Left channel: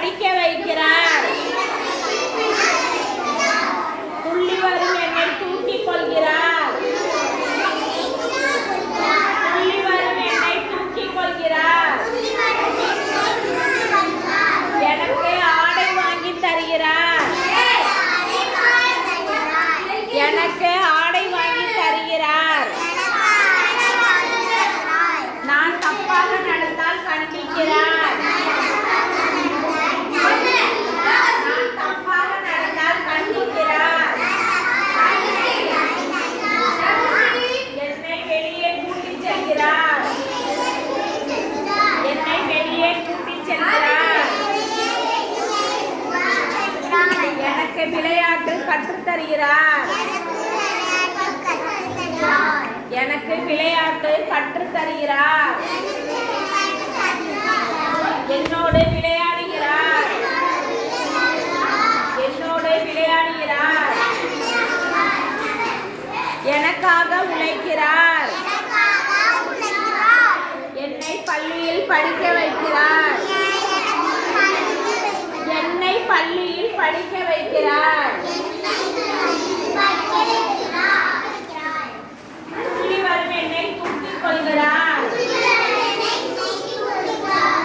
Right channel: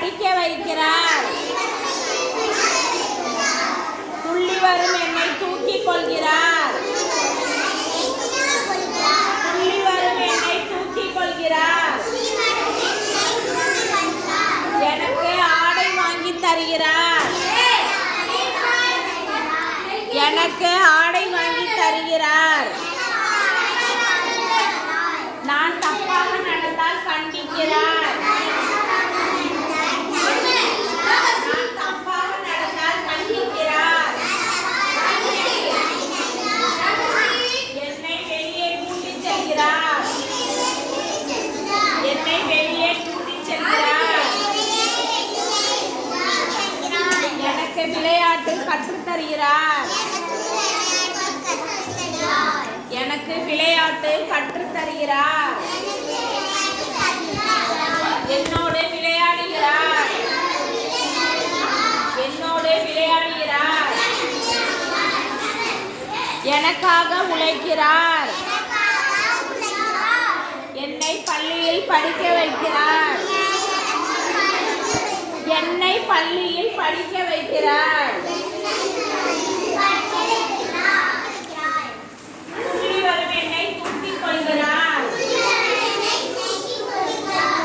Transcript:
படிக்க வைக்கிறார். துள்ளி வரும் என்னை தூக்கிக் கொள்கிறார். துள்ளி வரும் என்னை தூக்கிக் கொள்கிறார். எனக்கு ஆடை வாங்கி தருகிறார். எனக்கு ஆடை வாங்கி தருகிறார். நான் தப்பாக நடந்தால் கண்டிக்கிறார். நான் தப்பாக நடந்தால் கண்டிக்கிறார். என்னை வெளியே கூட்டிச் செல்கிறார். என்னை வெளியே கூட்டிச் செல்கிறார். எனக்கு விளையாட்டு கற்றுத் தருகிறார். எனக்கு விளையாட்டு கற்றுத் தருகிறார். என்னோடு விளையாடுகிறார். என்னோடு விளையாடுகிறார். எனக்காக உழைக்கிறார். என்னை பள்ளியில் படிக்க வைக்கிறார். என்னை பள்ளியில் படிக்க வைக்கிறார்.